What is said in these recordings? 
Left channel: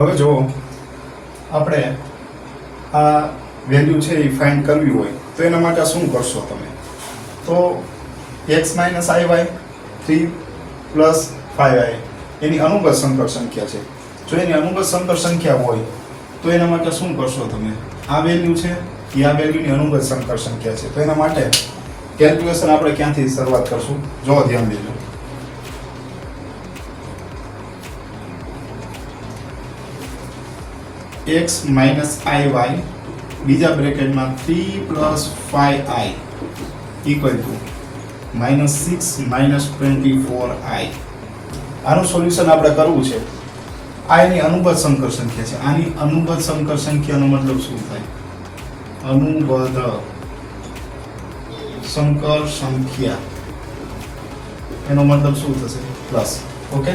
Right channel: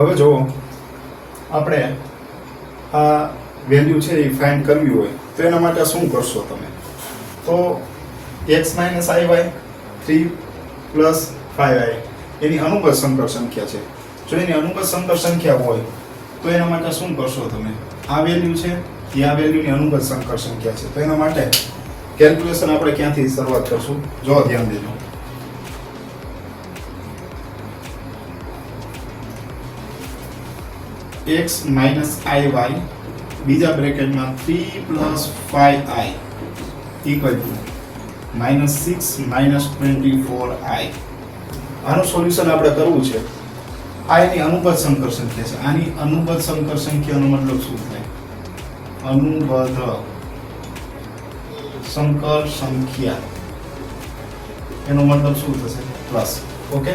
હવે જો આપણે આ વેલ્યુ છે એ ફાઇન્ડ કરવી હોય તો એના માટે શું કરશો તમે? તો x - iy 3 + 5i એની અનુગત સંકર સંખ્યા છે. જો એની અનુગત સંકર સંખ્યા હોય તો એના માટે શું કરશો તમે? આ વેલ્યુ છે એ આ વેલ્યુની અનુગત સંકર સંખ્યા છે. તો એના માટે કેલ્ક્યુલેશન આપણે ક્યાંથી શરૂઆત કરશું? જો ધ્યાન દેજો. x - iy બીજા બ્રેકેટમાં 3 + 5i = -6 - 24i. આનું સોલ્યુશન આપણે કરવું છે. આ એની અનુગત સંકર સંખ્યા છે. આની અનુગત સંકર સંખ્યાનો મતલબ શું થાય? અનુગત સંકર સંખ્યા એનો મતલબ શું થશે? પ્લસ. ઓકે,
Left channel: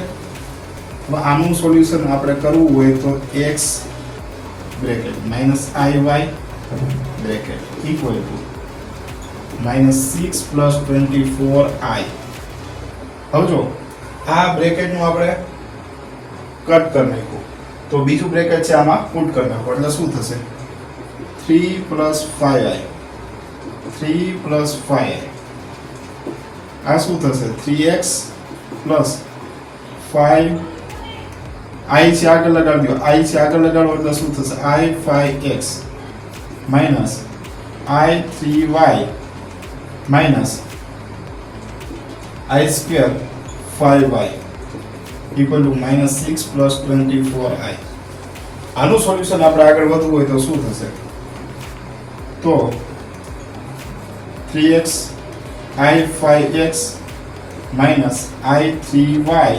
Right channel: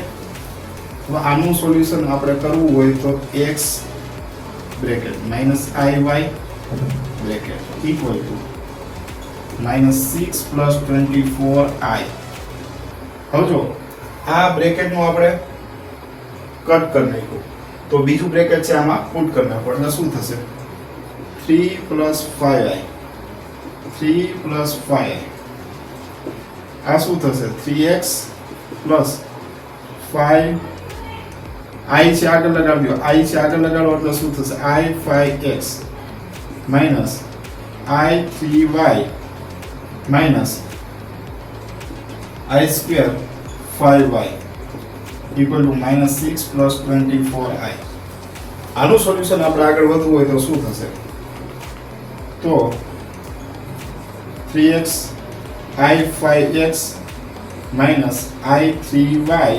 તો આનું સોલ્યુશન આપણે કરવું હોય તો x bracket - iy bracket = -6 + 24i. હવે જો આ બ્રેકેટનું આપણે કટ કરી નાખ્યું તો બીજું બ્રેકેટ છે આમાં પુટ કરી નાખો એટલે શું થશે? 3 + 5i 3 + 5i. આ શું થશે? 3x + 5 i છે આગળ લગાડજો. i છે આગળ લગાડો એટલે શું થશે? i 5x - i 3y - i square 5y = -6 + 24i. આનું સોલ્યુશન આપણે આગળ વધવું હોય તો શું થશે? તો 3x i 5x - i 3y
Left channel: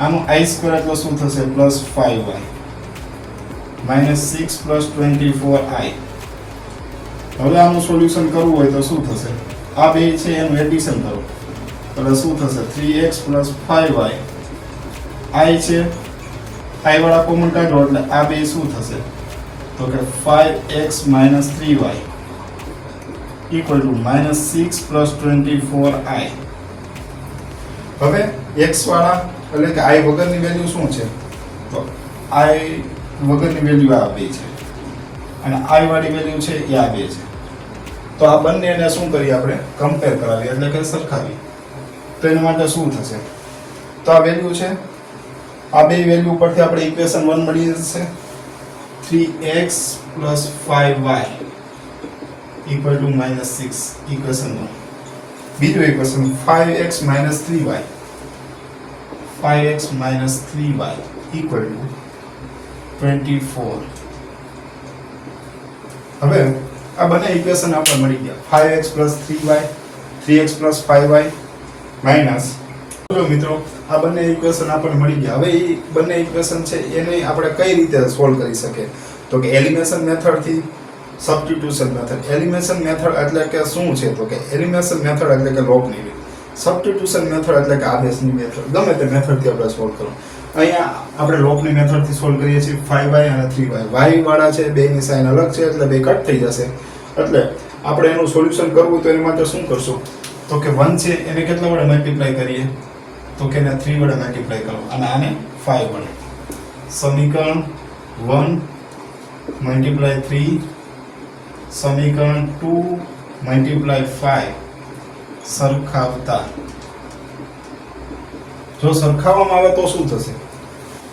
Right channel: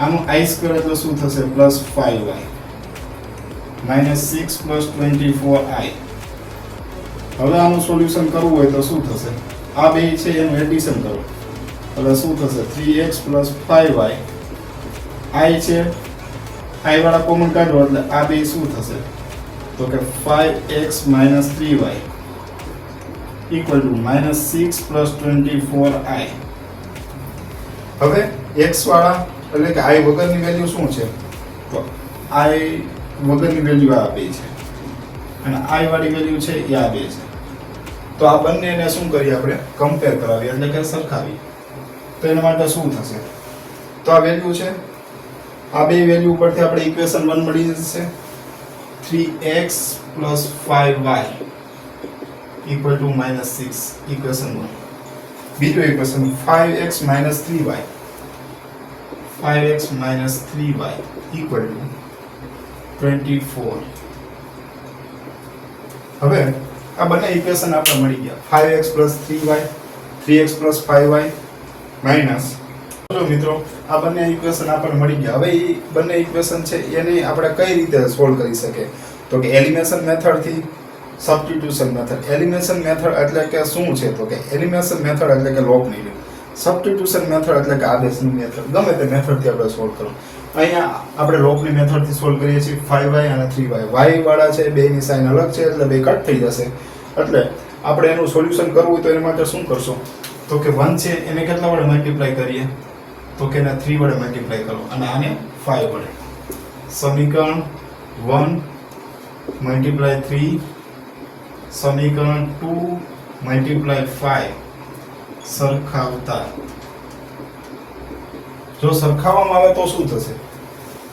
આનું i સ્ક્વેર એટલે શું થશે? +5y -6 + 24i. હવે આનું સોલ્યુશન કરવું હોય તો શું થશે? આ બે છે એનું એડિશન કરો એટલે શું થશે? 3x + 5y i છે i વાળા કોમન કાઢો એટલે આ બે શું થશે? તો કે 5x - 3y = -6 + 24i. હવે x વાળા એટલે કે i વગરની વેલ્યુ શું છે? તો i વગરની વેલ્યુ આ બે છે અને i વાળી વેલ્યુ છે એ આ બે છે. તો આ બંનેને શું કરીએ આપણે? કમ્પેર કરાવીએ એટલે કે સરખાવીએ. તો એના માટે શું થશે? તો આ વેલ્યુ છે, આ બે વેલ્યુ ઉપરથી આપણે ઇક્વેશન 1 મળી જશે. 3x + 5y = -6 equation 1. બીજું equation 5x - 3y 5x - 3y = 24. હવે આ બંને ઇક્વેશન આપણે મળી ગયા. 5x + 3y 3x + 5y minus. જો મિત્રો આ બંને ઇક્વેશન આપણને મળી ગયા. હવે એ બંને ઇક્વેશન છે એને આપણે કઈ રીતે સોલ્વ કરી શકીએ? તો કે એલિમિનેશન મેથડ થી સબસ્ટિટ્યુશન મેથડ. એલિમિનેશન મેથડ એટલે કે શું છે? તો કે એલિમિનેશન મેથડ એટલે કે લોપની રીત. સબસ્ટિટ્યુશન મેથડ એટલે કે આદેશની મેથડ. ગમે તે મેથડથી આપણે સોલ્વ કરો. અહીંયા આપણે લોપની મેથડથી સોલ્વ કરીએ છીએ. 5y અને 3y y વાળા છે બેની સાઇન અલગ છે એટલે બે કટ થઈ જશે. એટલે આપણે એનું સોલ્યુશન કરવું હોય તો એના માટે શું કરશો? તો કે 1 છે એને કેટલા વડે મલ્ટીપ્લાય કરીએ? તો કે એને 3 વડે મલ્ટીપ્લાય કરો અને આને 5 વડે. સમીકરણ 1 × 3 સમીકરણ 2 × 5 સરખાવતા. જો સરખાવવામાં આવે તો શું થશે?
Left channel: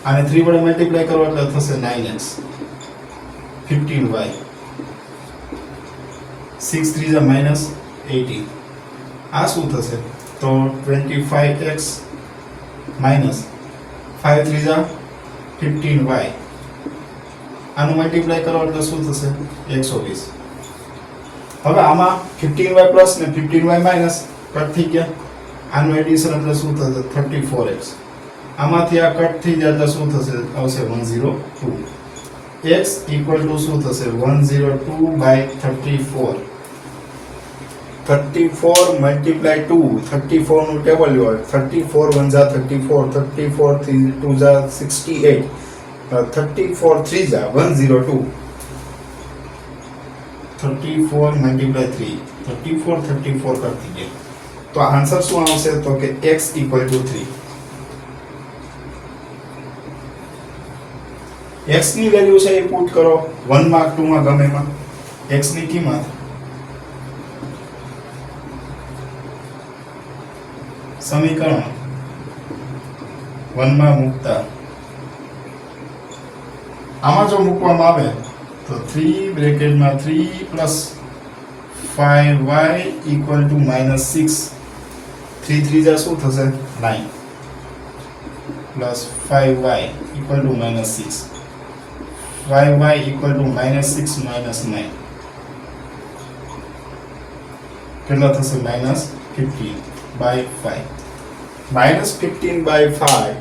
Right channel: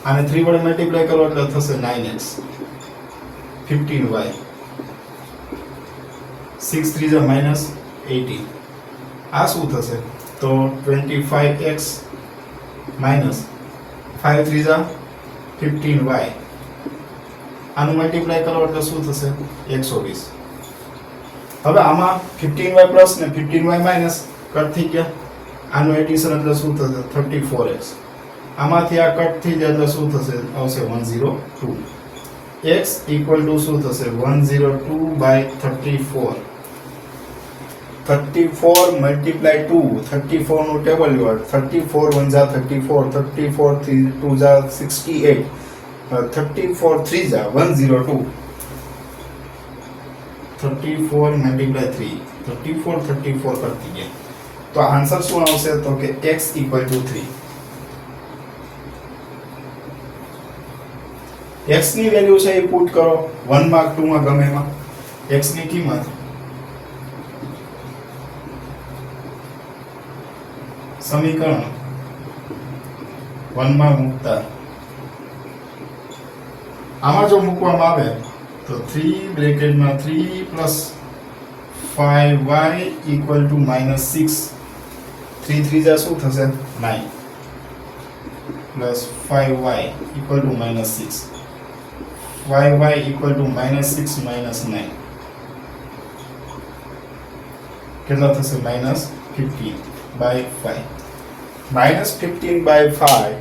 આને 3 વડે મલ્ટીપ્લાય કરો એટલે થશે 9x 15y 6 3 = -18. આ શું થશે? તો 25x - 5 3 = 15y. આનું મલ્ટીપ્લાય કરો એટલે શું થશે? 120. હવે આમાં 15y પ્લસ ને 15y માઈનસ કટ થઈ ગયા. આનું એડિશન એટલે શું થશે? 34x. આમાંથી આ કટ થઈ જાય એટલે શું થશે? આવશે 102. x = શું થશે? 102/34. 34 × 2 34 નું ટેબલ લો. 34 × 1 = 34 34 × 2 = 68 34 × 3 = 102. 34 × 3 34 34 કરતી ગયા. તો આન્સર શું આવશે? તો કે x = 3. x ની વેલ્યુ છે એ પુટ કરો 1 માં 2 માં ગમે એમાં x ની કિંમત સમીકરણ 1 માં મૂકતા આમાં જો મૂકવામાં આવે તો 3 બ્રેકેટમાં 3 પ્લસ 5y ઇક્વલ ટુ -6 3 3 જા શું થશે 9 plus 5y equal to -6 5y equal to -6 -9 કેટલા થશે -15 by 5 -15 by 5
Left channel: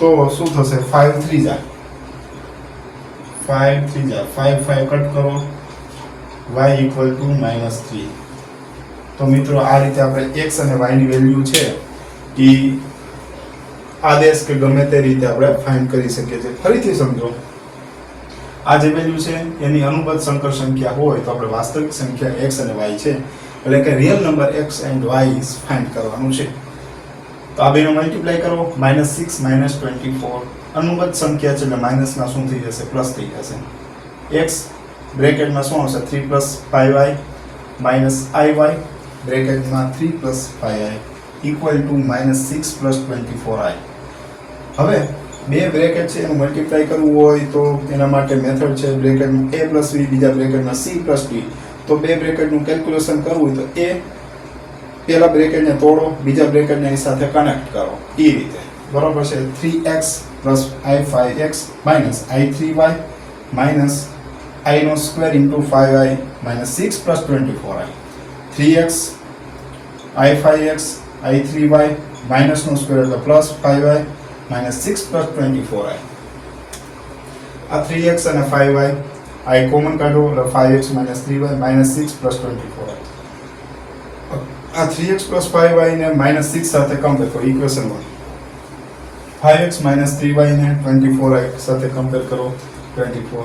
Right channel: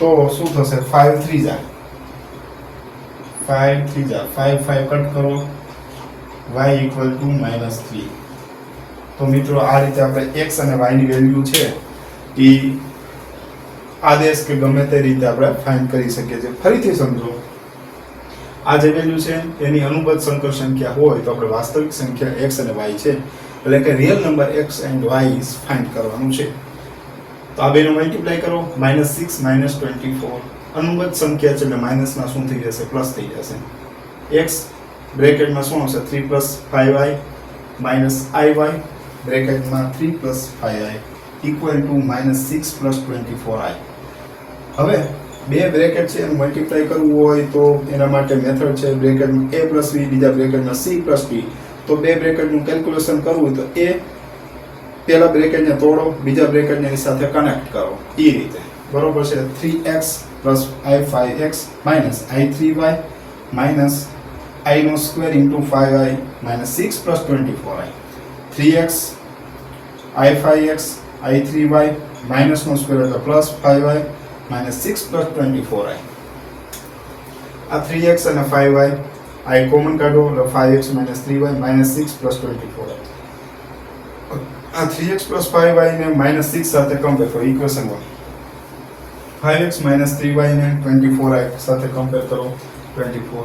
તો શું થશે 5 3 જા 5 3 જા 5 5 કટ કરો y ઇક્વલ ટુ -3 તો મિત્રો આ રીતે આપણે x અને y ની વેલ્યુ છે એ આદેશ કે ગમે તે રીતે આપણે ફાઇન્ડ કરી શકીએ છીએ ફરીથી સમજો આ જે વેલ્યુ છે એની અનુબદ્ધ સંકર સંખ્યા હોય તો આપણે વાસ્તવિક સંખ્યા x અને y છે એટલે કે real number x and y is find કરવાનું છે તો આ બેનો મલ્ટીપ્લાય કરો -6 -24 અનુબદ્ધ સંખ્યા છે એટલે માઇનસ ના શું થઈ જશે પ્લસ થઈ જશે x બ્રેકેટમાં શું આવશે 3 5y iy બ્રેકેટમાં 3 5i equal to -6 24i હવે બે બ્રેકેટ છે એનું મલ્ટીપ્લાય કરવું હોય તો એના માટે મેથડ છે બ્રેકેટમાં a + b બીજા બ્રેકેટમાં c + d તો બે બ્રેકેટનું કેલ્ક્યુલેશન કરવું હોય તો a પહેલા બ્રેકેટને તોડો બીજા બ્રેકેટને એની સાથે કનેક્ટ કરો એ રીતે બરોબર છે 3x + i5x i3y i નો square * 5i -6 + 24i 3x i5x i3y minus નો સ્ક્વેર એટલે પ્લસ 5y -6 + 24i આ 3x અને 5y i કોમન કાઢો એટલે 5x - 3y -6 + 24i આ 3x + 5y ને -6 સાથે કમ્પેર કરો ઇક્વેશન 1 5x - 3y ને 24i સાથે કમ્પેર કરો 24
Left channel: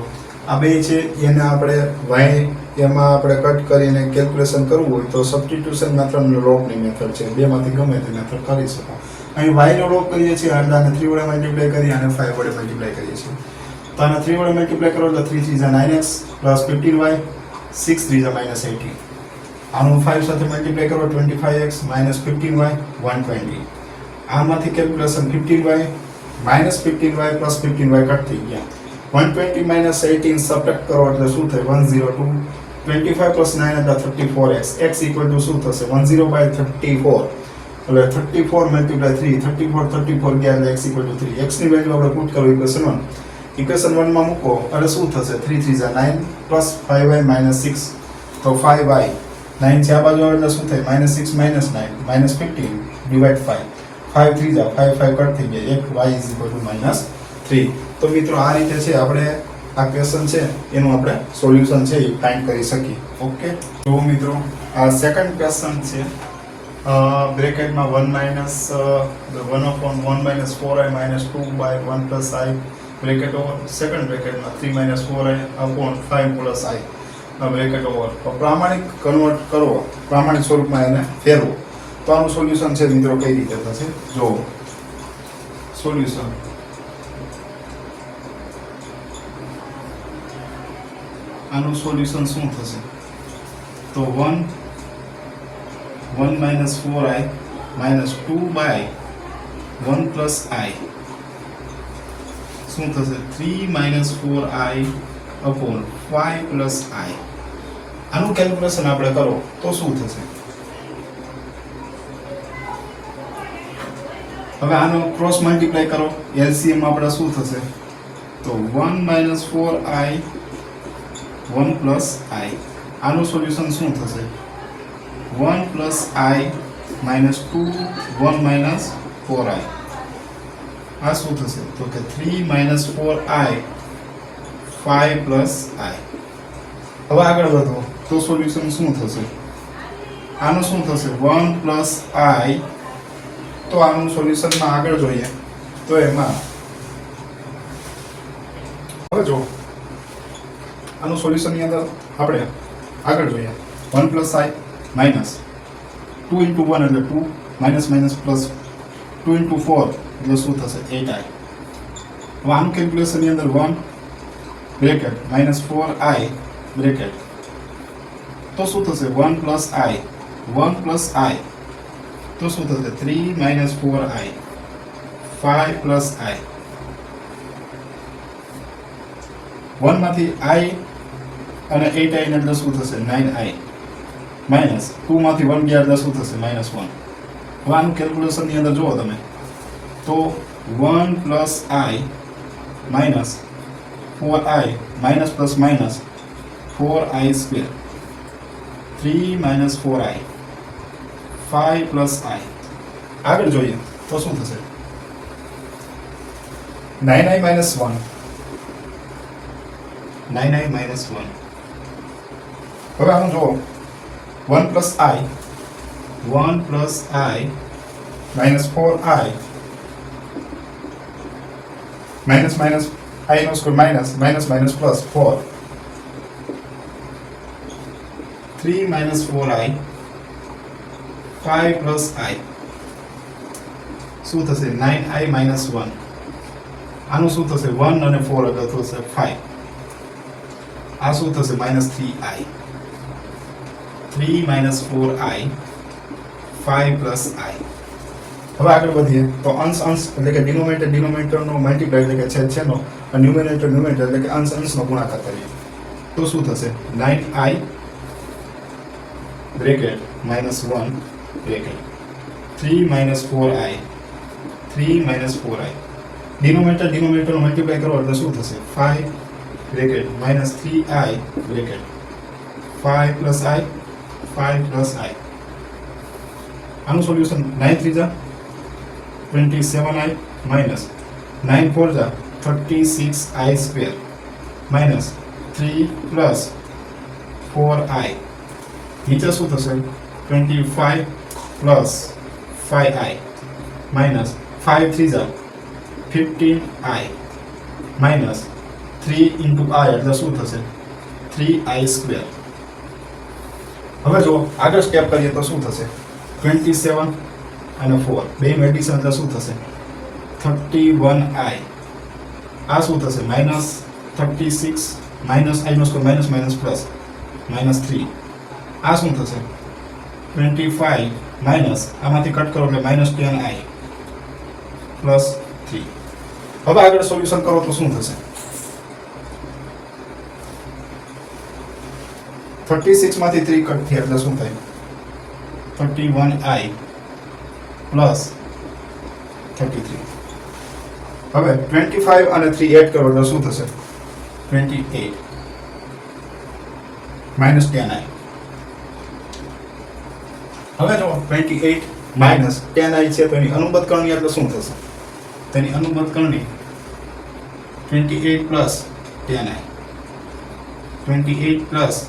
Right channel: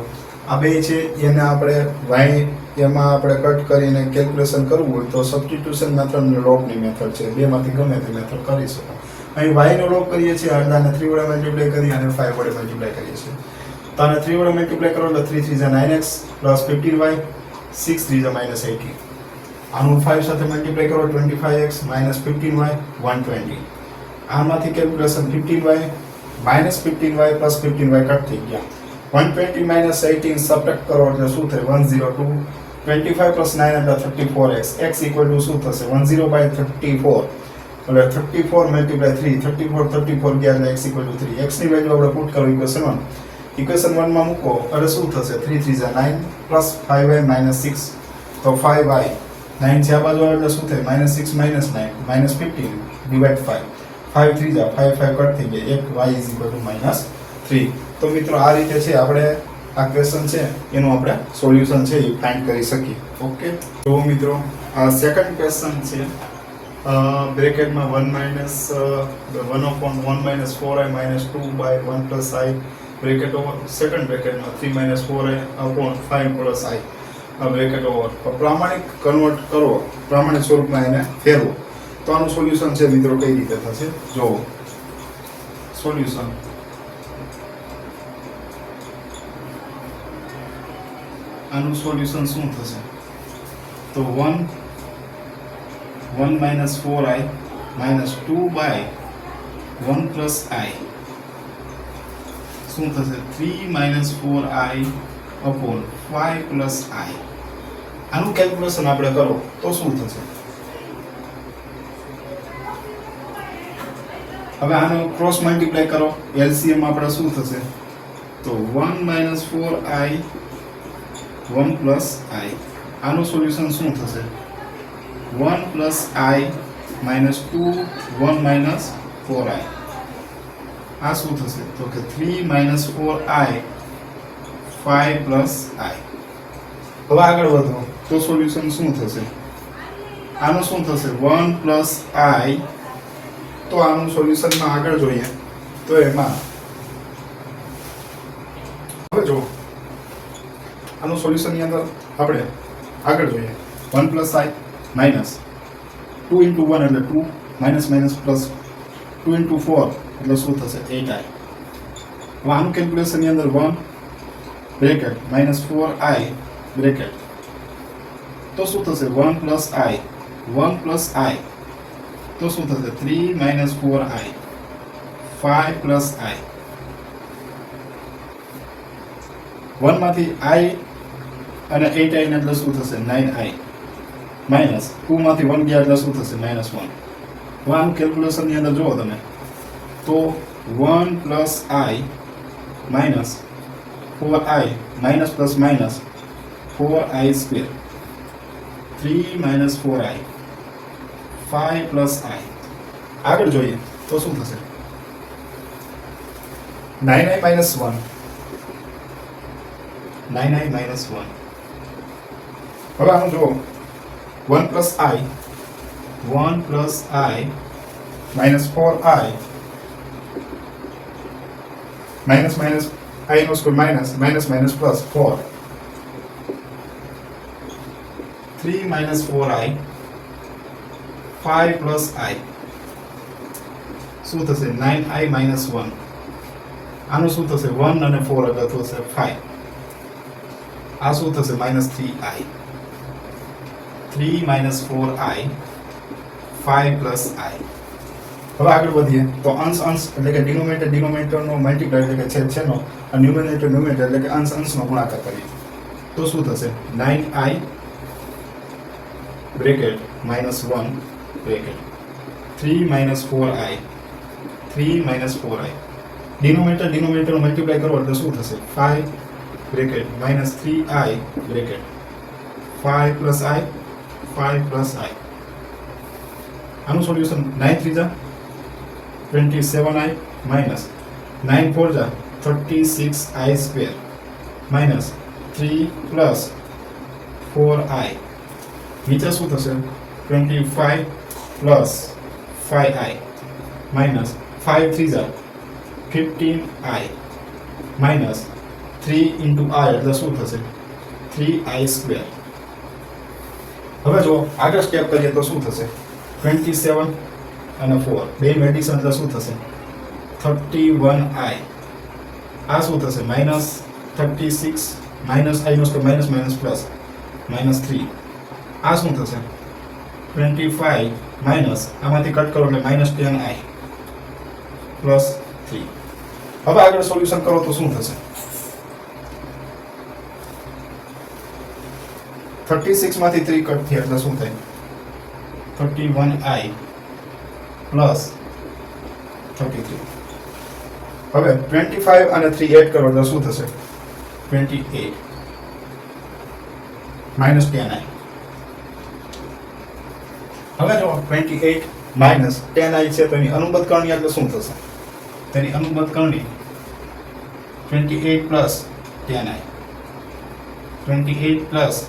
આ બે છે એને આપણે y એમાં આપણે કટ કરીને કેલ્ક્યુલેશન કરવું હોય તો સબસ્ટિટ્યુશન મેથડ અને લોગની મેથડ છે બેમાંથી ગમે તે મેથડ કરી શકો અહીં y નો લોગ કરીએ છીએ એટલે આને 3 વડે મલ્ટીપ્લાય કરી અને 5 વડે મલ્ટીપ્લાય કરીએ છીએ તો આને 3 વડે મલ્ટીપ્લાય કરો એટલે 3 3 જા 9x + 15y 6 3 જા -18 આનું 5 સાથે મલ્ટીપ્લાય કરો 25x -15y 120 આમાંથી calculation 15y -15y + 15y cut થઈ ગયા 120 - 18 સબટ્રેક્ટ કરો એટલે શું થાય 102 25 + 9 એટલે 34x x ઇક્વલ ટુ શું થશે 10 / 34 એટલે 34 × 3 34 34 ગયા એટલે x ઇક્વલ ટુ 3 x ની વેલ્યુ આપણે પુટ કરો ઇક્વેશન 1 માં મૂકો એટલે શું થશે 3 3 જા 9 + 5y -6 તો 5y 9 છે આ બાજુ એટલે શું થાય -6 - 9 -15 ડિવાઇડ 5 5 3 જા 5 5 કટ થઈ ગયા 1 y -3 તો મિત્રો આ રીતે છે આપણે આ ક્વેશ્ચન છે એનું આપણે સોલ્યુશન છે એ ફાઇન્ડ કરી શકીએ ઓકે તો મિત્રો આ સેકન્ડ ક્વેશ્ચન છે બ્રેકેટમાં 1 - 1/1 - 4i - 2/1 + i bracket over second બ્રેકેટમાં 3 - 4i / 5 + i આ બ્રેકેટ ઓવર પ્રામાણિક કન્વર્ટ કરવો પ્રામાણિક સ્વરૂપમાં એને ફેરવો તો આનું સોલ્યુશન છે મિત્રો કઈ રીતે થશે જોવો સોલ્યુશન આનું સોલ્યુશન શું થશે તો 1 - 4i - 2/1 + i શું થશે 3 - 4i / 5 + i આનું કેલ્ક્યુલેશન આપણે કરો તો શું થશે હવે આનો ક્રોસ મલ્ટીપ્લાય કરો એલસીએમ આપણે શું થશે તો 1 - 4i 1 + i આનું સોલ્યુશન શું થશે 1 + i -2 1 - 4i આ શું થશે તો કે 3 - 4i 5 + i હવે આગળ વધો તો સોલ્યુશન શું થશે આનું શું થશે 1 + i તો આનું સોલ્યુશનમાં આગળ જોઈએ તો એમાં હવે જો આનું સોલ્યુશનની અંદર આપણે આગળ જોઈએ 1 + i માઈનસ 2 × 1 એટલે 2 માઈનસ માઈનસ પ્લસ 2 × 4 એટલે શું થશે 8i હવે આનું કેલ્ક્યુલેશનની અંદર 1 બ્રેકેટ માઇનસ 4i બ્રેકેટ તો શું થશે 1 પ્લસ i 1 પ્લસ i તો શું થશે 3 માઇનસ 4i 5 પ્લસ i 1 માંથી i અને 8i ને એટલે શું થશે 9i માઇનસ 2 માંથી 1 ગયા એટલે શું થશે -1 1 કેલ્ક્યુલેશન ની અંદર જોવો તમે તો 1 plus i minus 4i minus plus minus 4i square 3 minus 4i 5 plus i આગળ જોઈએ તો શું થશે 9i માઇનસ 1 9i માઇનસ 1 હવે આમ જો 1 plus i minus 4i minus minus i નો square minus minus minus plus 4 3 minus 4i 5 plus i શું થશે 9i માઇનસ 1 આનું શું થશે 1 અને 4 એટલે થશે 5 આ શું થશે -3i 3 minus 4i 5 plus i હવે આગળ વધીએ તો અંશ એટલે કે ડિનોમિનેટર નો મલ્ટીપ્લાય એટલે કે છેદનો અને ન્યુમેરેટર એટલે કે અંશનો ગુણાકાર કરીએ તો શું થશે 9i bracket -1 bracket 3 minus 4i 3 minus 4i denominator નો મલ્ટીપ્લાય કરો એટલે શું થશે 5 bracket -3i bracket 5 plus i 5 plus i આનું સોલ્યુશન 9 3 જા 27i માઇનસ 9 4 જા 36i square minus 3 plus 4i નીચે શું થશે 25 પ્લસ 5i માઇનસ 5 3 જા 15i માઇનસ 3 ઇન્ટુ i એટલે શું થશે 3i સ્ક્વેર હવે જો આગળ સ્ટેપ કરીએ તો શું થશે 27 અને 4 બેનું એડિશન એટલે શું થશે 31i આ શું થશે -36 માઇનસ i નો સ્ક્વેર માઇનસ માઇનસ પ્લસ -3 આ શું થશે 25 માઇનસ આમાંથી કટ કરો એટલે -10i પ્લસ 3 હવે આગળ સોલ્યુશન કરો તો શું થશે 36 માંથી 3 કટ થયા એટલે શું થાય 31i પ્લસ 33 હવે 25 અને 3 એડ કરો એટલે શું થશે 28 -10i હવે જો 28 -10i છે તો એની અનુબદ્ધ કરણી એટલે શું થશે તેની અનુબદ્ધ કરણી 28 પ્લસ 10i 28 પ્લસ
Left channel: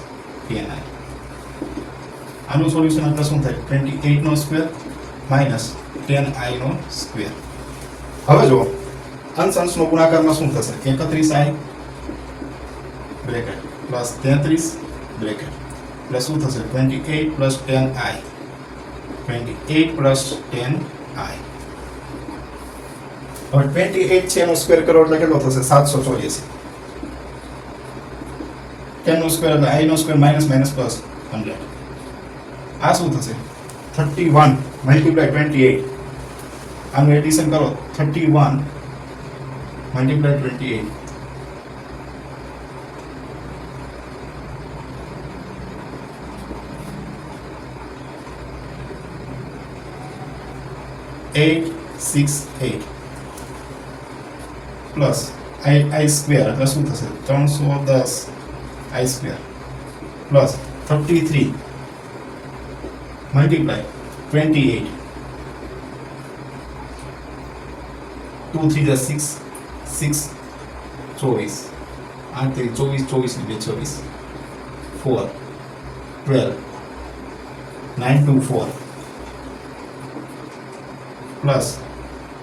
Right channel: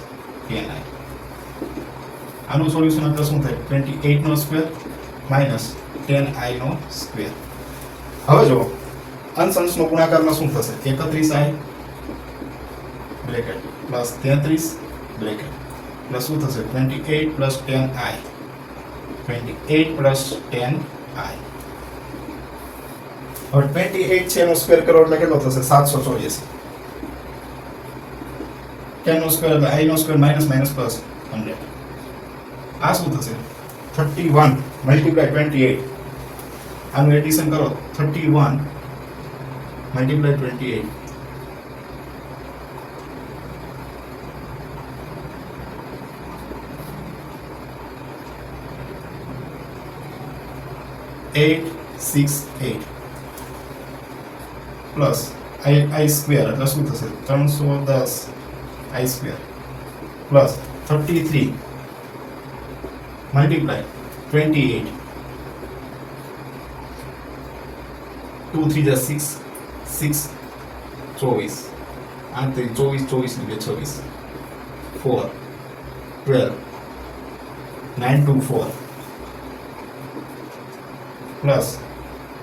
10i આનું સોલ્યુશન એટલે શું થાય 28 નો સ્ક્વેર માઇનસ 10i નો સ્ક્વેર હવે જો અંશનો ગુણાકારમાં શું થશે 31i bracket plus 33 bracket plus શું થશે 28 પ્લસ 10i 28 પ્લસ 10i હવે 28 છે એનો સ્ક્વેર કરો એટલે કેટલો થશે 784 10 નો સ્ક્વેર એટલે i નો સ્ક્વેર માઇનસ માઇનસ પ્લસ 100 આ શું થશે 31 મલ્ટીપ્લાય 28 આનું એડિશન કરો 31 મલ્ટીપ્લાય 28 868 પ્લસ i સ્ક્વેર એટલે શું થશે 310 i સ્ક્વેર પ્લસ 33 મલ્ટીપ્લાય 28 2 3 જા 6 6 24 8 3 24 24 26 4 12 9 2 4 પ્લસ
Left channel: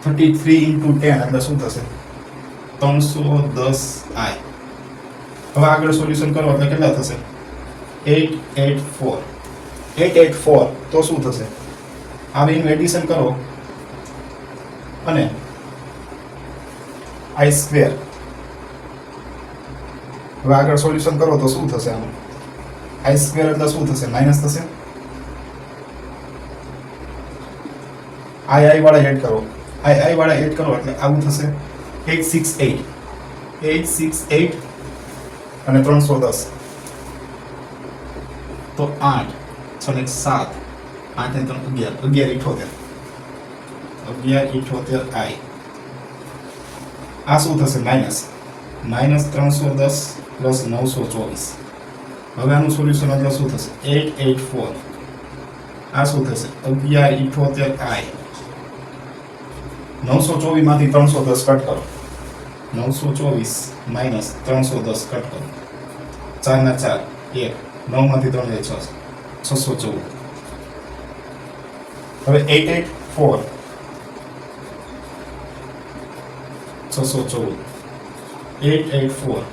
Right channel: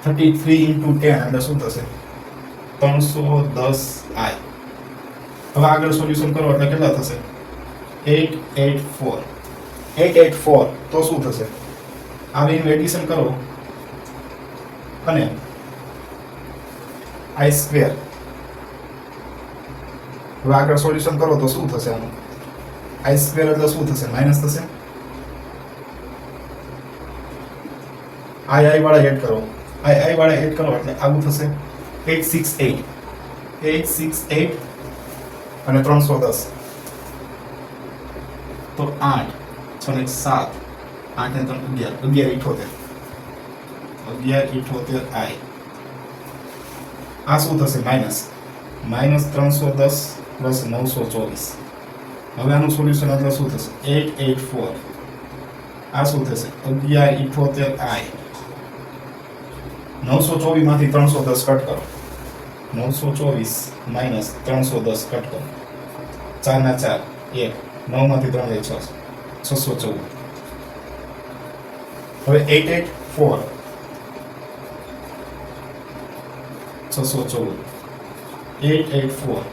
33 ઇન્ટુ 10 એટલે શું થશે 310i હવે આગળ સોલ્યુશન કરો એટલે કેટલા થશે 884 તો શું થશે આ બેનું એડિશન કરો અને i સ્ક્વેર હવે આગળ સોલ્યુશન કરો તો શું થશે આનું? આઈ સ્ક્વેર એટલે શું થશે? માઇનસ થશે. આઈ વાળા એડ કરો, આઈ વાળા એડ કરો એટલે આવું થશે 868 અને 310 તો 8 6 ને 7 8 ને 3 11 11 આઈ. આ શું થશે? Minus 310 plus 924. હવે આનું સોલ્યુશન એટલે શું થશે? 884. આ શું થશે? 11 આઈ. 924 માંથી 310 કટ કરો. 924 માઇનસ 310 કટ કરો. 4 ના 4 1 9 માંથી 3 6 614. હવે 884 614 884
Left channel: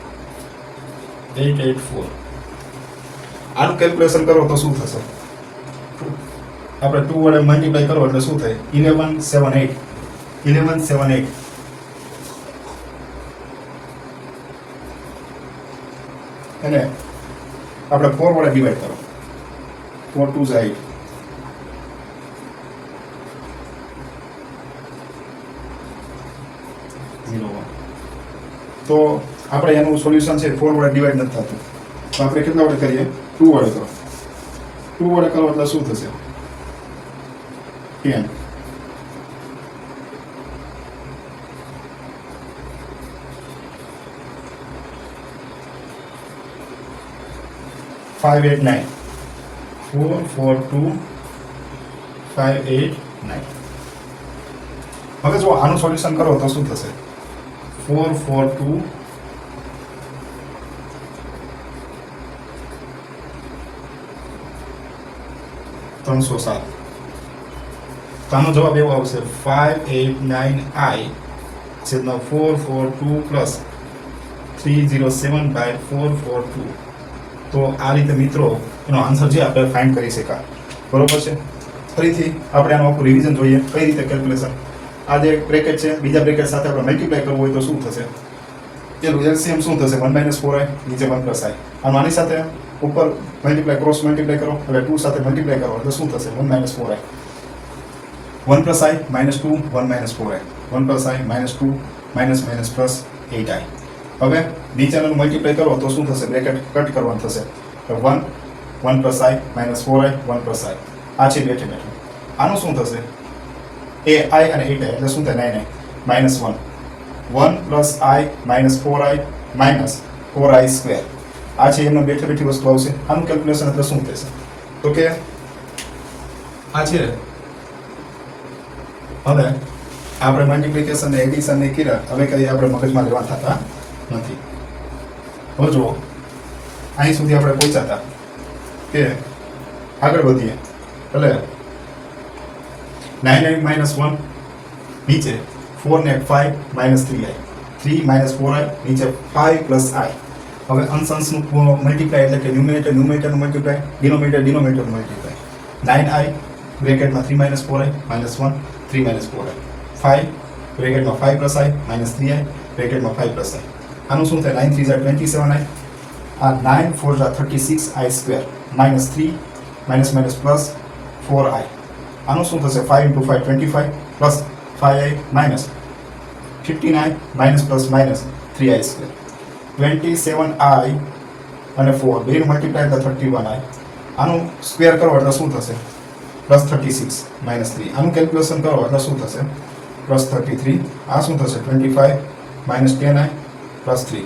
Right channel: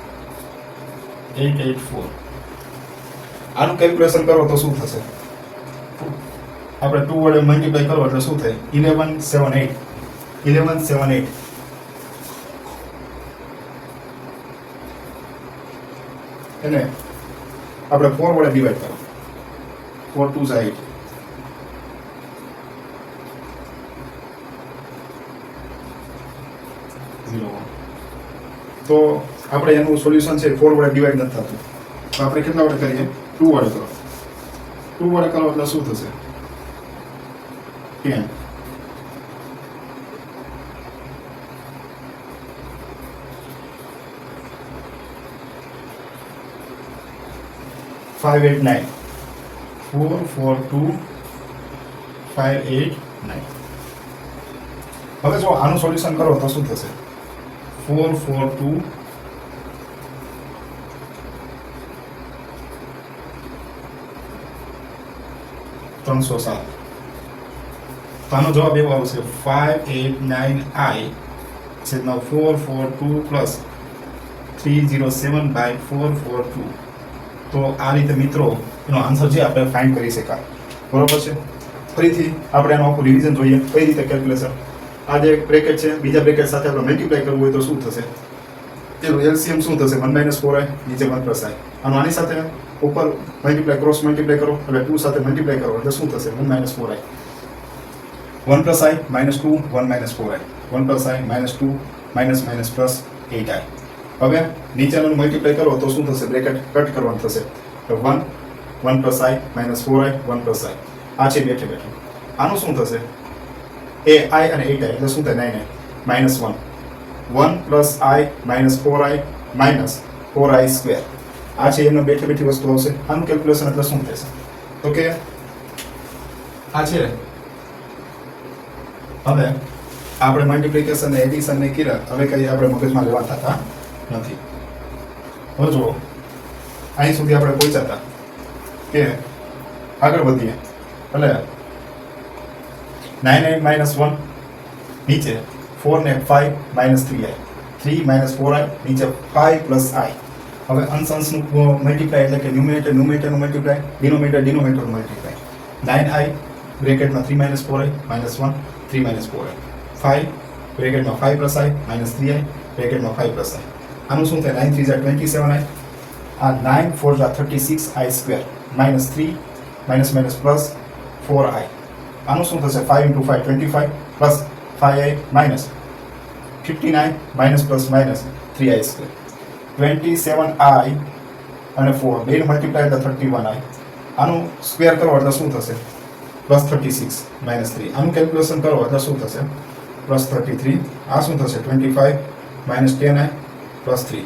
આનું કેલ્ક્યુલેશન કરો તો શું થશે? આપણે 2 વડે મલ્ટીપ્લાય કરો એટલે શું થાય? 1178 અને આપણે 4 વડે ડિવાઈડ કરો. 4 2 8 0 તો આપણે એનું સોલ્યુશન છે 4 વડે ડિવાઈડ નથી થતું. તો આપણે કેટલા વડે કરીએ? 2 વડે કરો. 2 વડે કરો એટલે શું થશે? 10. Five eight nine 442 589. હવે જો આનું સોલ્યુશન કરો તો શું થશે? 442 307. તો આનો જવાબ એવો આવશે 589i છેદમાં 442 પ્લસ 307/442. તો આ રીતે મિત્રો એનો આન્સર જે આપણે ફાઇન્ડ કરી શકાય. બરોબર છે. ફરીથી આપણે આનું આખું રિવિઝન જોઈએ કઈ રીતે કેલ્ક્યુલેશન. આ જે બ્રેકેટ છે બીજા બ્રેકેટ સાથે આપણે મલ્ટીપ્લાય કરવું હોય તો શું થશે? એનું એલસીએમ શું થશે? 1 - 4i નીચે 1 + i. આની સાથે ઉપર મલ્ટીપ્લાય ક્રોસ મલ્ટીપ્લાય કરો એટલે 2 સાથે મલ્ટીપ્લાય કરો એટલે શું થશે? 1 - 4i 1 + i -2 1 - 4i 1 + i -2 - plus 8i. હવે નીચેનું મલ્ટીપ્લાય કરો તો શું થશે? બ્રેકેટ કટ કરવાનું થશે. 1 1 + i -4i 1 + i. આ છે બેઠે બેઠું. આનું શું થશે? એ i અને 8i એટલે શું થાય? 9i -1 1 + i -4i -4i square. આ છે એમનો બેઠે બેઠી વસ્તુ આવશે. આનું કેલ્ક્યુલેશન એટલે શું થશે? તો કે આ છે હવે આપણે મલ્ટીપ્લિકેશન ને એડિશન ને કર્યા. હવે કઈ આપણે મગજમાં લેવા થતા નથી. હવે જો અહીં સુધી આપણે પહોંચ્યા હતા કે આગળ વધીએ એટલે 9i -1 નીચે 4 ને 5 -3i 3 -4i નીચે 5 + i. હવે અંશનું મલ્ટીપ્લાય એટલે કે ન્યુમિનેટરનું મલ્ટીપ્લાય, ડિનોમિનેટરનું મલ્ટીપ્લાય. 9i બ્રેકેટમાં 3 - 4i -1 3 - 4i 5 બ્રેકેટમાં 5 + i -3i બ્રેકેટમાં 5 + i. આનું શું થાય? 9 3 = 27i. આ 9 4 = 36i સ્ક્વેર -3 પ્લસ 4i. આનું શું થશે? 5 × 5 25 plus 5i -59 plus -3i square 27i અને 4 બેનું મલ્ટીપ્લાય એટલે 31i. આનું સ્ક્વેર કરો એટલે શું થશે? +36 -3. આનું કેલ્ક્યુલેશન કરો એટલે શું થશે? +33. આ શું થશે? 25 -10i +3.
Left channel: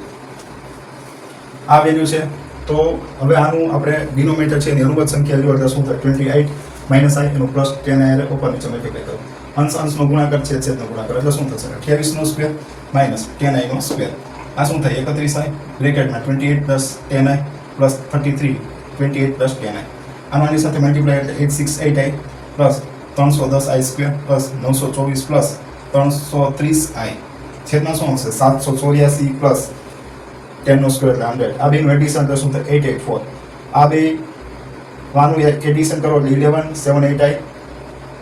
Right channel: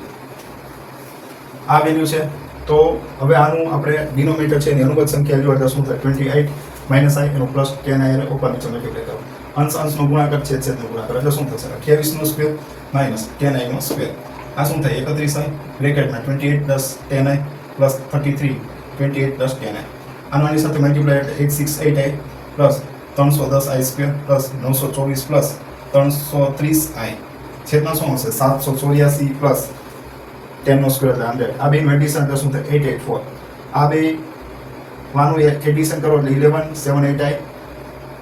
આ વેલ્યુ છે. તો હવે આનું આપણે ડિનોમિનેટર છે એની અનુવાદ સંખ્યા લો એટલે શું થાય? 28 - i એનું +10i એટલે ઉપર નીચે મલ્ટીપ્લાય કરો. અંશનો ગુણાકાર છેદનો ગુણાકાર એટલે શું થશે? 28 નો સ્ક્વેર -10i નો સ્ક્વેર. આ શું થાય? 31i બ્રેકેટમાં 28 + 10i +33 28 + 10i. આની સાથે મલ્ટીપ્લાય એટલે 868i plus 310i square plus 924 plus 330i છેદમાં શું હશે? 784 પ્લસ 10 નો સ્ક્વેર એટલે 100. આ બેનું એડિશન એટલે શું થાય? 884. આ બે વાનું એડિશન કરો એટલે 1178i.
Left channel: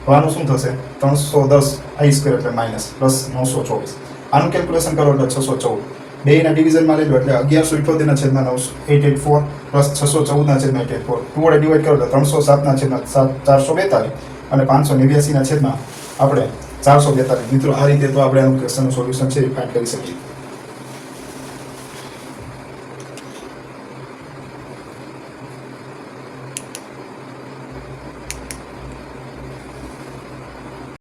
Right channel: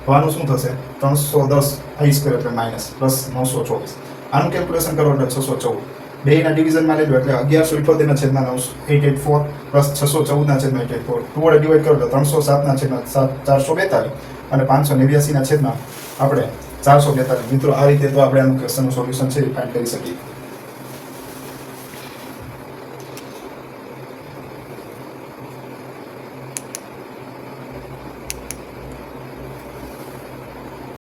વાનું શું થશે? 310i સ્ક્વેર એટલે માઇનસ પ્લસ 924. આનું કેલ્ક્યુલેશન કરો એટલે 614. બેયના ડિવિઝનમાં લેજો એટલે 1178 ના છેદમાં 884 પ્લસ 614 ના છેદમાં 884 ટુ વડે ડિવાઈડ કરો તો 307 ના છેદમાં 442 અને 589 ના છેદમાં આપણે 442. મિત્રો આ રીતે તો આપણે આનું ક્વેશ્ચનનું સોલ્યુશન છે એ ફાઇન્ડ કરી શકીએ.